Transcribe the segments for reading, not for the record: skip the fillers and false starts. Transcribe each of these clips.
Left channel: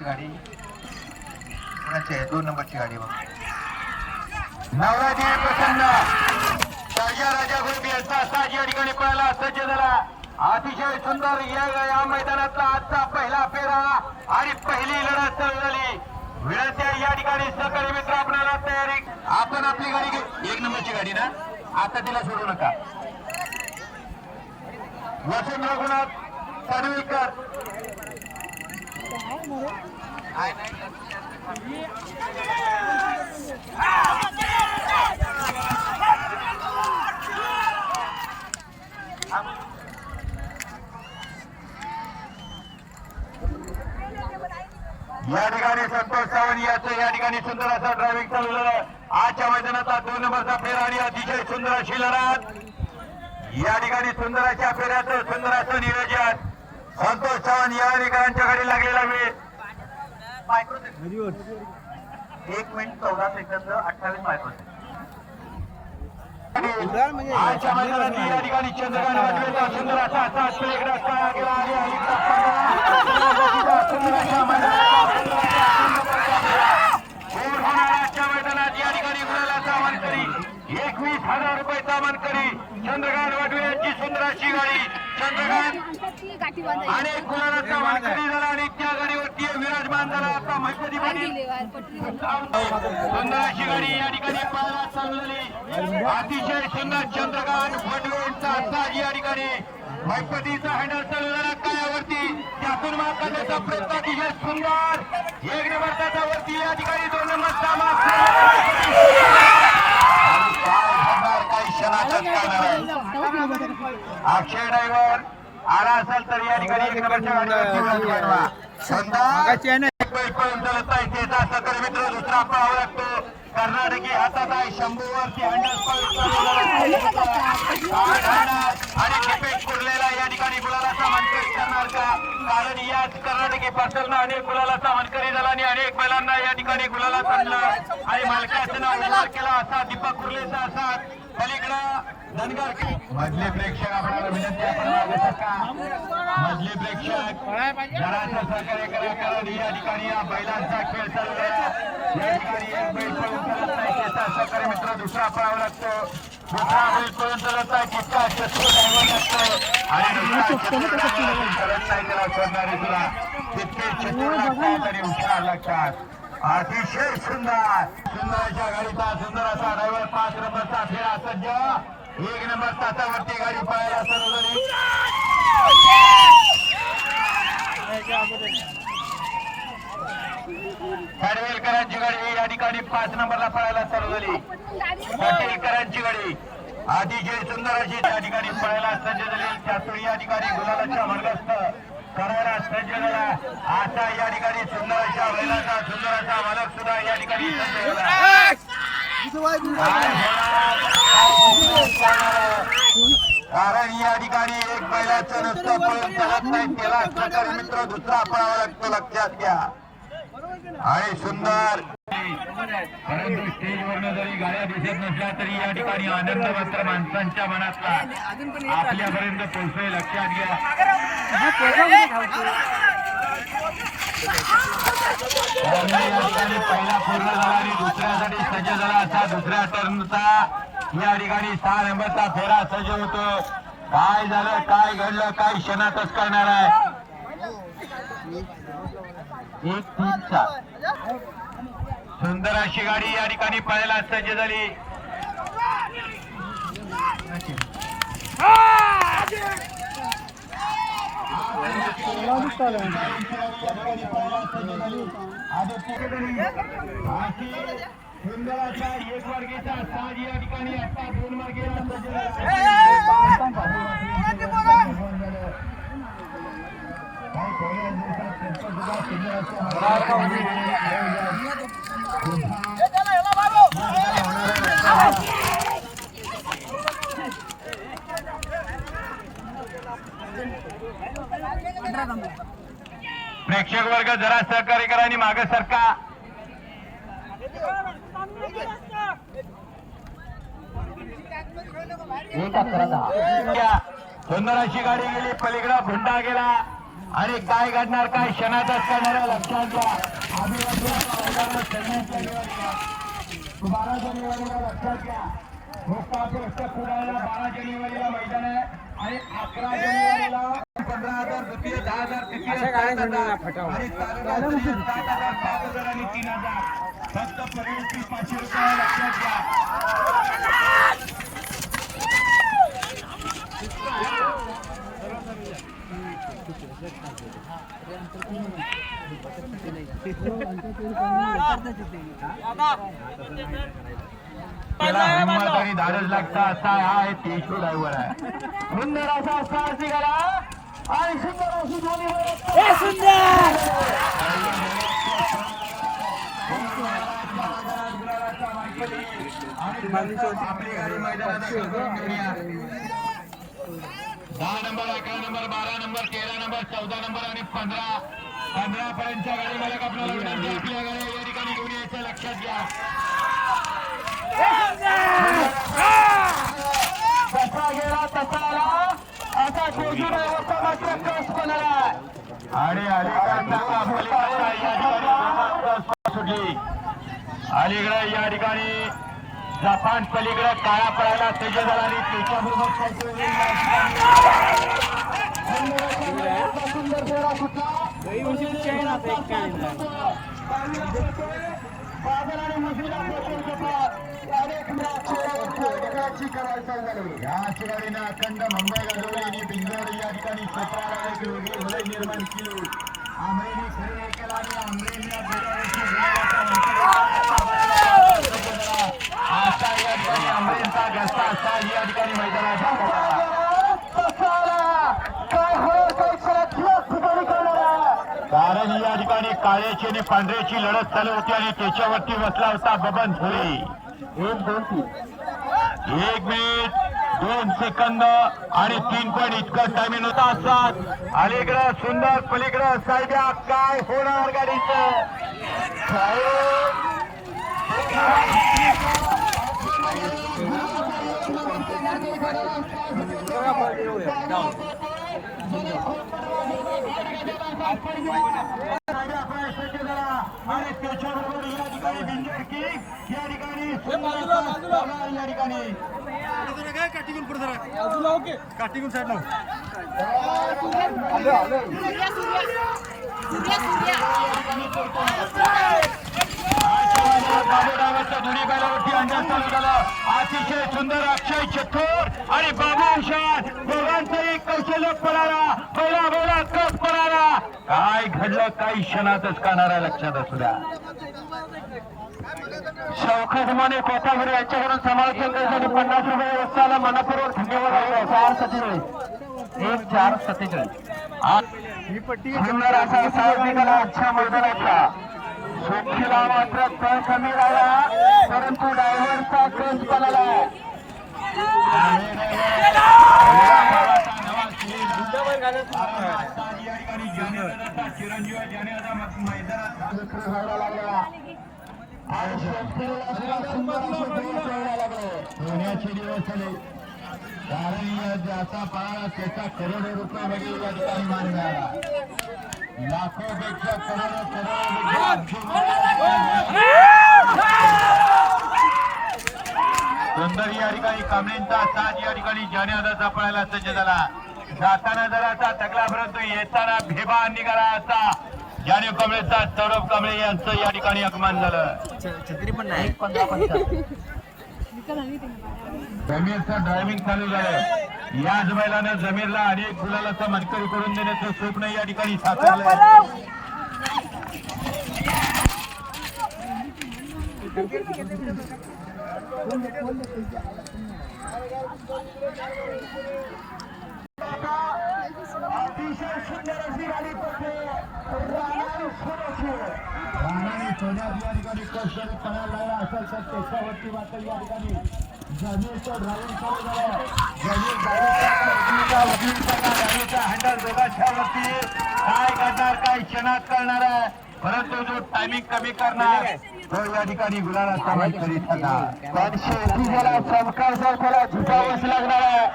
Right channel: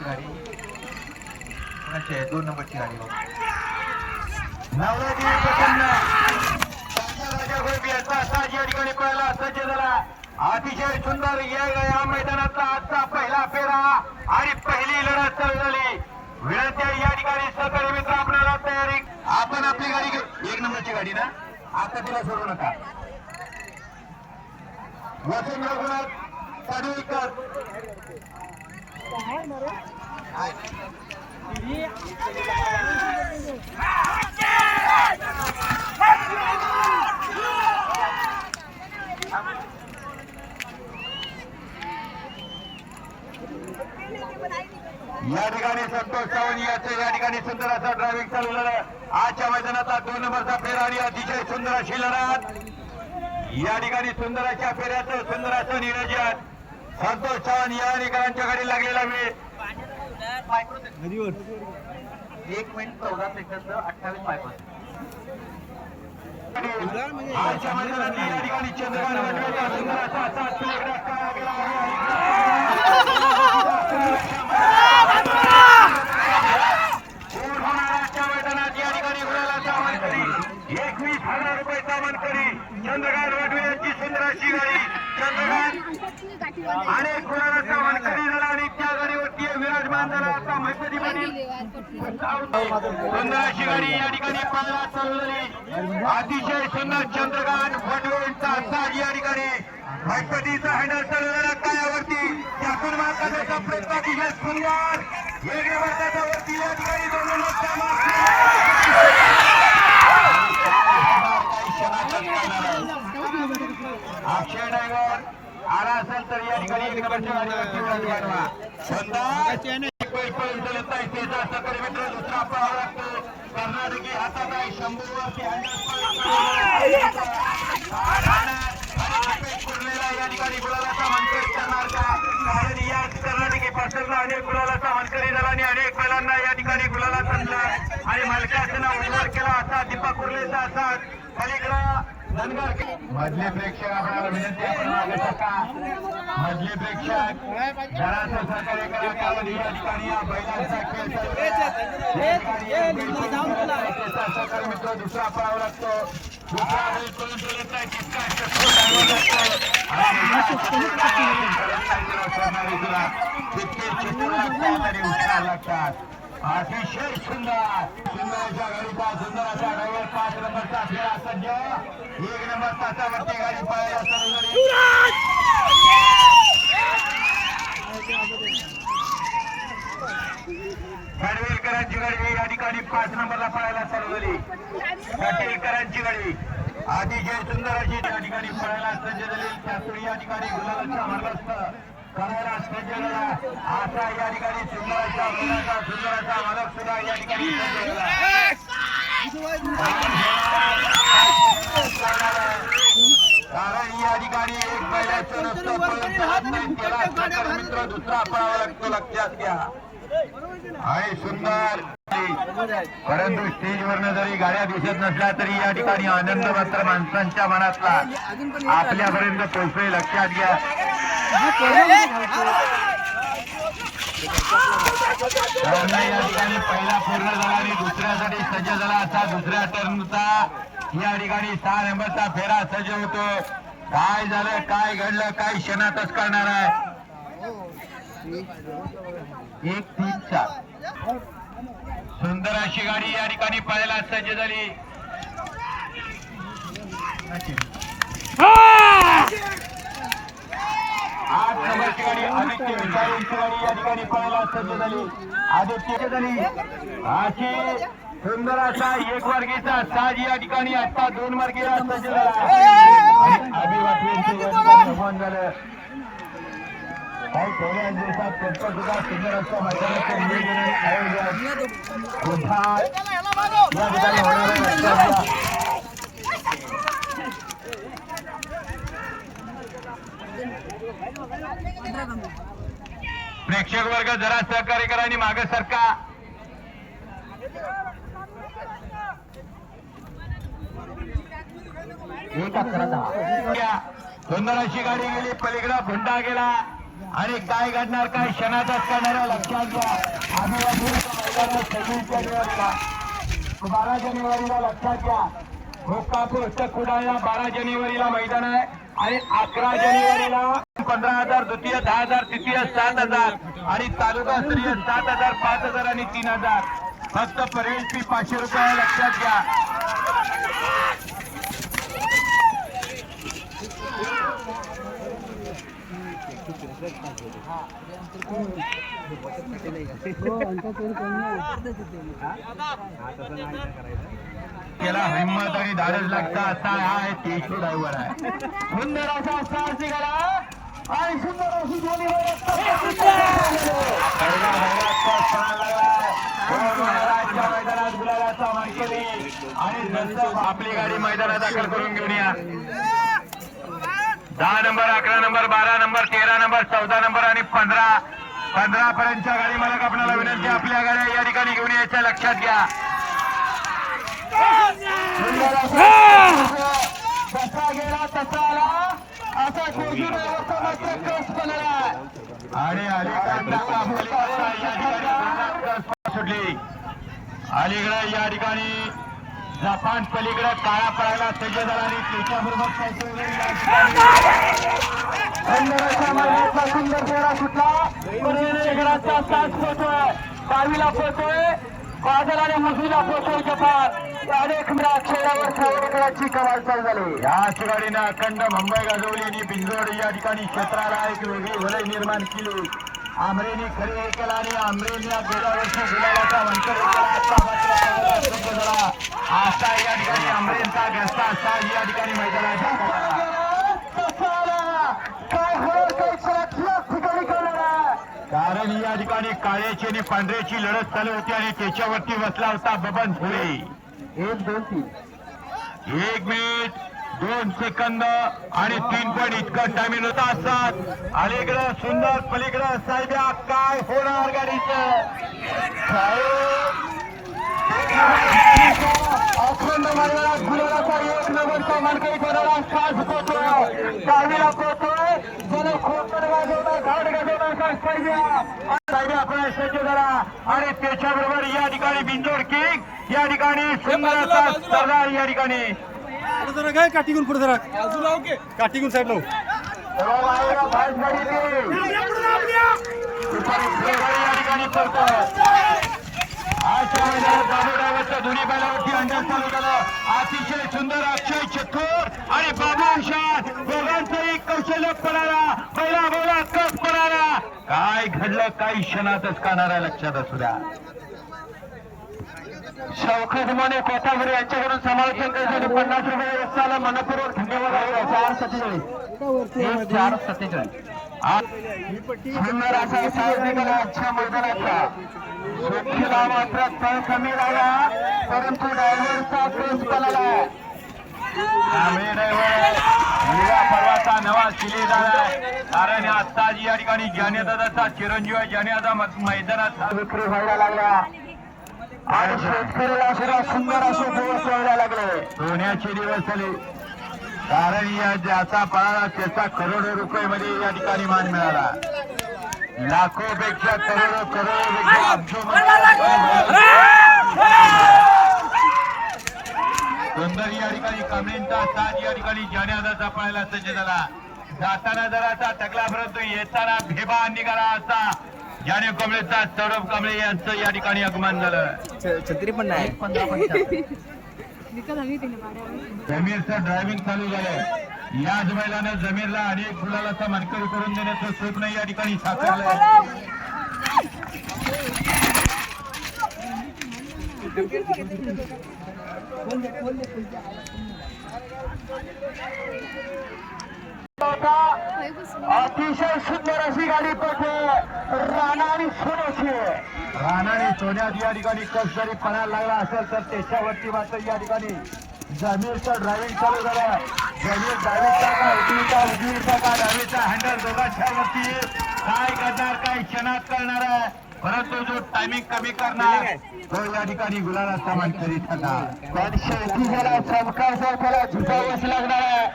नंबरची गाडी कोणाची आहे? 2 नंबरची गाडी बघ. नवराजी प्रसन्न राजा गोळबी यांचा साज या ठिकाणी पळायला सज्ज झाला. अतिशय सुंदर या मैदानातला आजचा पहिला फेरा आणि पहिली लढत चालू झाली. विनंती आहे या ठिकाणी सहकारी मित्र आपल्याला तयारी. आपण आपली गाडी घेऊ. 1 नंबरची गाडी ना, आता तिला सोडू नका. वसंत रघुनाथ कानवेकर या ठिकाणी संतोष सावंत याचं या ठिकाणी सुंदर असा ड्रायव्हिंग चालू झालं. आजच्या मैदानाचा 2 नंबरचा फेरा आणि अतिशय सुंदर अशी लढत. या ठिकाणी सुंदर अशा फेऱ्याचं सुंदर असं नियोजन. संतोष सावंत या ठिकाणच्या गाडी लागलेला वेळ 1 मिनिट 14 सेकंद 28 मायक्रोसेकंद. आजच्या मैदानात या ठिकाणी चंद्रकांत वाजवेचा सुंदर असा सात प्लेट रस्ता गेला होणाराच्या मैदानात या ठिकाणी गुलालाचा मानकरी 21,000 रुपये मानकरी चंद्रकांत वाटवे यांची सुंदर अशी गाडी. चंद्रकांत अनेक गुलालाचा मानकरी झाला आणि त्या गाडीवरती विराजमान झाला. आता मैपती पाटील सुंदर अशी गाडी या ठिकाणी पाहायला चालू झाली. अतिशय सुंदर चंद्रकांत वाटवे यांचा साज या ठिकाणी मैपतीचा हँडल चालू झाला कायावरती. त्यातून मार्गाचा प्रयत्न अतिशय सुंदर 1 नंबर त्याच्यावरती या ठिकाणी 2 नंबरचा अक्षय ड्रायव्हर आला असेल तर या ठिकाणी 1 नंबरच्या गाडीवरती वाढवा. पळून चलत नाही त्याचा सहकारी मित्र दुसरा पळावा लागतो. कर्नाटकी हातात आहे शंभूवरती कुर्लेला या ठिकाणी गुलालाचा मानकरी करणार का? कारण याच कर्नाटकी पार्सलनं अनेक गुलालाचा मानकरी झाला आणि अनेक बैलांना या ठिकाणी गुलाला आणला आणि मालकाचं नाव उज्ज्वल केला असा दीपक कुर्लेचा असा पलीकडं धनगर. मधले प्रेक्षक आपल्याला विनंती आपण मागे सरका. मधले प्रेक्षक जराचं सहकार्य करा कारण या ठिकाणी या बैलांचा खेळ चालू आहे. या ठिकाणी एक बैल पळून चलत नाही त्याचा सहकारी मित्र दुसरा पळावा लागतो. दुसरा बैल पळून चलत नाही तितका चलत नाही त्याला सोडणारी तुला तितके चतुर लागतात आणि हुशार लागतात. अतिशय सुंदर सुंदर अशा गाडीचा सुंदर असा ड्रायव्हर 5 नंबरचा फेरा सज्ज. 1 नंबर तासावरती गाडी पळायला चालू झाली. पडवेलकरांची गाडी या ठिकाणी 5 नंबरला पळायला चालू झाली. पटेलकरांची गाडी अतिशय सुंदर अशी त्या ठिकाणी पळायला सज्ज झाली. त्यातून या ठिकाणी गुलालाच्या मार्गस्थ करायला सज्ज झाला. असा या ठिकाणी सुंदर अशा बैलाचा सुंदर असा मालक सुद्धा या ठिकाणी सज्ज झाला. कारण या ठिकाणी एक बैलाचं नुसतं पळून चालत नाही त्याला सहकारी मित्र दुसरा पळावा लागतो लक्षात घ्या. आणि सुंदर परंतु स्टेजवरनं जरी गाड्या दिसत नसल्या तरी या ठिकाणी आनंद मात्र माणसांच्या मनातला आपल्यापर्यंत पोहोचतोय लक्षात घ्या. या ठिकाणी पहिला पूर्ण झाला आणि दुसऱ्यासाठी सज्ज झाला असा दुसऱ्या टर्नचा या ठिकाणी 6 नंबरचा फेरा सज्ज होतो. काय झालं काय घडलं काय क्षणातच करणार आहे. 1-3-4 सुंदर अशी गाडी या ठिकाणी पळायला सज्ज झाली. या ठिकाणी पळायला सज्ज झाली. आदित्य अशी सुंदर असा 1 वर्गीचा साज या ठिकाणी आता 2 वर्गीला सज्ज झाला. झालं काही थोड्या दिवसात त्याचं सुद्धा सुंदर असं प्रेक्षक वर्ग जरा सहकार्य करा आणि मागे सरका. सुंदर अशी गाडी गेली पलीकडा भुंडा गेला आणि काय घडणार, काय क्षणातच करणाऱ्या लक्षात घ्या. आदिवासी 12 जानेवारीला लक्षात घ्या. भोकापूर कुडाळला 12 जानेवारीला मैदान आहे आणि 11 जानेवारीला 15,000 द्वितीय, 10,000 तृतीय, 7,000 आणि तालुका स्तरीय 7,000, 5,000 आणि 3,000. फक्त परेड फी 500 रुपये लक्षात घ्या. त्याला हिंमत आणि धाडस लागता असा हा आहे तेजू ड्रायव्हर आहे. सुंदर असा साहसी गडा आणि सुंदर अशी दोन्ही मैदानात गुलालाचा मानकरी आणि आपली गाडी मैदानात दाखल करून घेऊन या. 10 number, 11 number, 12 number, 13 number, 14 number आणि 15 पर्यंतच्या गाडी मालक आपल्याला विनंती आपल्या गाड्या या ठिकाणी घेऊन यायच्या लक्षात घ्या. कसा गेला तसा आला असा तेजू ड्रायव्हरचा मात्र कस बनला आणि अलीकडचा पलीकडचा या ठिकाणी सुटली. अलीकडे या ठिकाणी जपान पलीकडे काळा पडायला तेजे झाला आणि त्याच्याबरोबर सुंदर फेरा सुटला. साथ पोहोचतोय, बावीला पोहोचतोय, बादल आणि मुझीला पोहोचतोय जपान. अनेक खेळावर सावडेकरांची कमाल चालू झाली. याच गाडीनं अखंड मुंबई गाजवली आणि बिंजोड या ठिकाणी क्षेत्राला एक वेगळी वलय निर्माण केली. आमरेने खरे हे केला आणि आमरेने गेल्या वर्षी गुलाबाचा असा या ठिकाणी आमरेंचा घरचा साज या ठिकाणी मैदानात काय कारण या ठिकाणी काळ्याची आणि पांढऱ्याची लढत चालू होती आणि त्याच्यावरती बसला होता बबन थोडी. 1, 2, 3 1 मिनिट 2 सेकंद आणि 3 पॉईंट इतकं टायमिंग होता. 7 अलीकडं सुंदर, पलीकडं साहेब्या, काय होणार गाडीचं एक नंबरचा मानकरी ठरवला. खास पोहोचतोय, गाडीला पोहोचतोय, जण खोपट गाजवता, घाट गाजवता साहेब्या आपला सज्ज झाला आणि त्याच्याबरोबर या ठिकाणी बिंजोड किंग या ठिकाणी सुंदर असा स्पर्धा या ठिकाणी काय काठीगुण पुढे जरा बाजूला ओके काठीगुण साईडला बाबू ड्रायव्हरच्या दोन्ही बैलावरती अंदाज चालू झाला. अतिशय सुंदर अक्षय चतुर आणि बाबू हुशार दोघांचाही कौशल्य पडाला. पहिला बोला कस पडाला. काय घडलं काही क्षणातच कानारा लक्षात असू द्या. शौकत मोने कोथापुरी यांच्याकडून समालोचन करण्यासाठी 50 रुपये व्यवस्थाला मनपूर्वक धन्यवाद. 4:47 सुंदर असा साहसिकला आजच्या मैदानाचा सुखीला मात्र तळ कमी लागला परंतु ड्रायव्हरचा कस पळाला. नवा सिलेज कारण आत्ताच या ठिकाणी जानेदादाचा चिरंजीव आहे. जानेदादा मैदानात विक्री व्हायला लागल्या आणि शेतकऱ्याला सुद्धा सुंदर असे दिवस व्हायला लागले. सोन्याचे दिवस झाले कारण या ज्याचा पळाला त्याचा करोडो रुपये मध्ये या ठिकाणी मान मिळाला. लाखोपेक्षा करोडो सुंदर या ठिकाणी कांबळेंचा साज या ठिकाणी जानेदादाचा पळायला सज्ज झाला. जाताना जराचा टकला परंतु येताना भेबा निघाला असा जाने कांबळेचा सौरभ कांबळे यांचं या ठिकाणी आगमन झालं. छत्री पण नाही. 1:15 जमीरचं ड्रायव्हिंग चालू झालं. याच बैलानं जमीरला अनेक गुलालाचा मानकरी करून देण्याचं स्वप्न या ठिकाणी साकारलं. अतिशय सुंदर अशी गाडी पडते. राणा आणि सोन्याची राणा आणि सोन्यात या ठिकाणी कस जरी पणाला लागला असेल तर त्याच्यावरती मात्र या ठिकाणी जमीरचं ड्रायव्हिंग चालू झालं. जमीर गाडीचा हँडल दोघांच्या वरती काय करणार काय क्षणात करणार आहे परंतु जो टायमिंग कमी करणार तो या ठिकाणी गुलालाचा मानकरी ठरणार. पण शेवटी त्याला चमकायचा त्याला झुकावंच लागणार आहे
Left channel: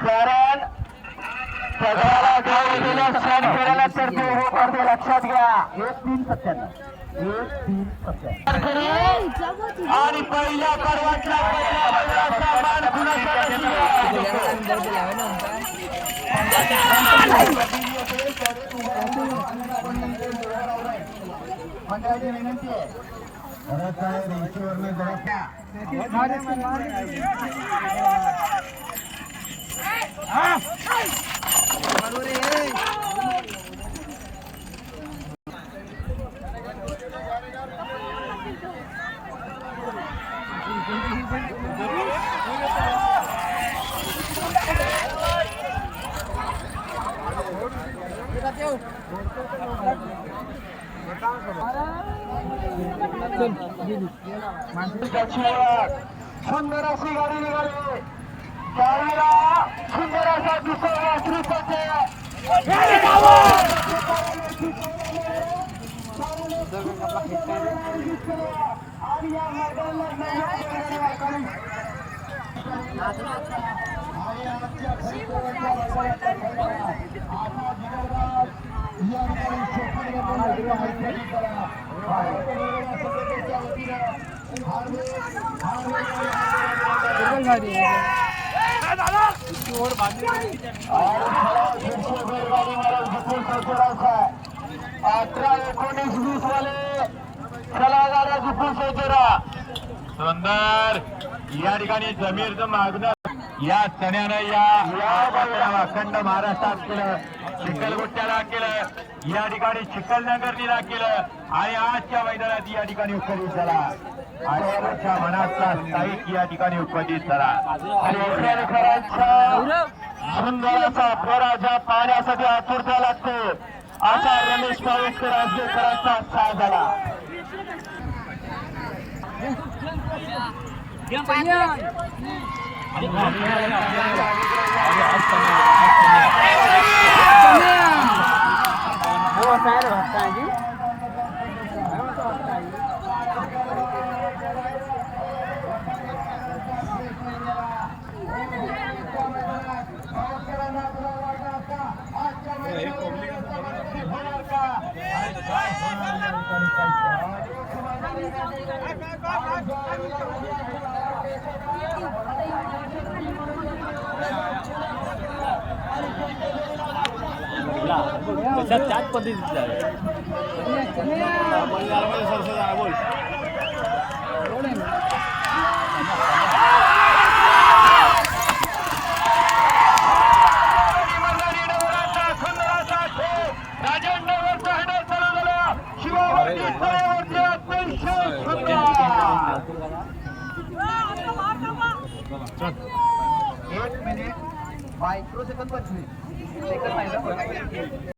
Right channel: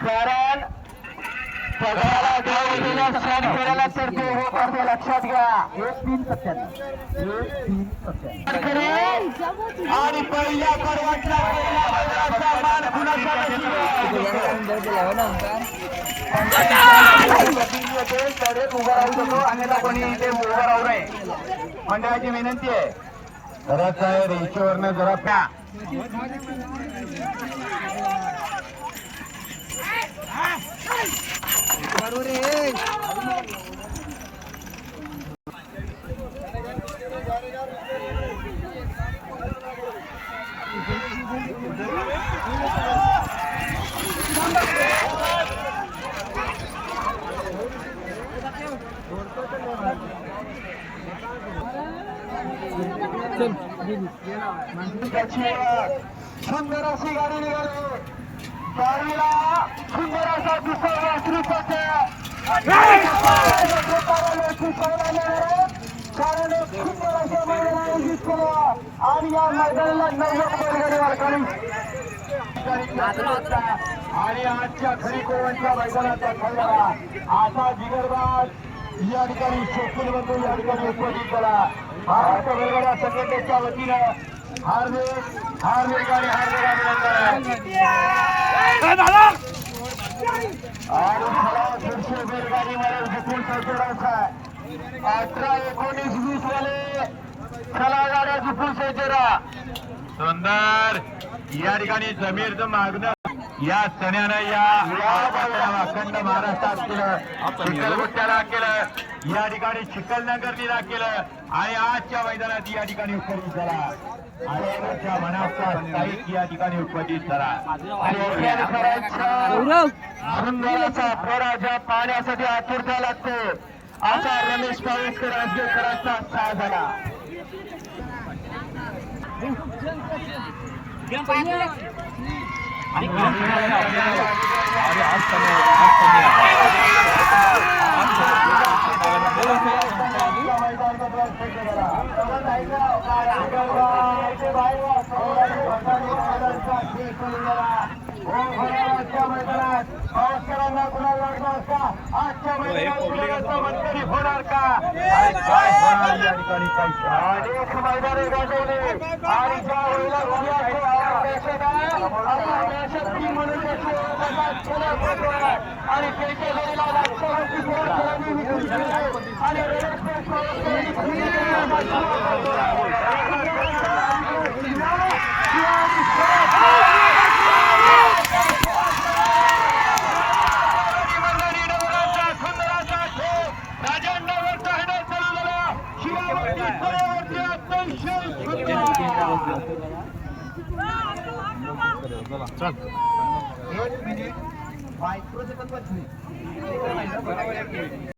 कारण सगळ्याला घेऊन गेल्या सण करायला तर ते हो करते लक्षात घ्या 1-3-97 आणि पहिल्या करवटला पहिला बैलाचा मान कुणाचा मंडळाची विनंती आहे खरंच आहे रेषेवरनं जरा प्या सुंदर अशी गाडी निघाली गाडीला सुंदर असा दुसरा आणि या मैदानाला 90 बैलगाडी मालकांनी आणि आजच्या खरी कोवणच्या मैदानाचा ठरलेला असा जिगरबाज या ठिकाणी शोधून बंधून या ठिकाणी उपस्थित झाला महाराष्ट्र बैलगाडा संघटनेच्या वतीनं हार्दिक आणि बैलगाडी मला झुकून सौचरावचा 18-19-20 वाले चला गाड्या झुकून सौचरा सुंदर या ठिकाणी जमीरचं मागणं या सण्यानं या अखंड महाराष्ट्रात केलं चिखलगुट्ट्याला केलं या ठिकाणी चिखलनगरनीला केलं आणि आजच्या मैदानात या ठिकाणी उपस्थित झाला आणि मोठ्या मनाचा स्थायिक या ठिकाणी उपस्थित झाला आणि खरांच्या सुंदराचा पराजय पाहण्यासाठी आतुरता लागतो असा रमेश पावेसकर आजगेकरांचा उत्साह झाला होणार का आणि काय होणार या ठिकाणी काही अनेक मैदाने गाजवले आणि ज्या वेळेला आणि त्याच्या वेळेला एक मिनिट मायक्रो सेकंद 25 सेकंद नाही ना बरोबर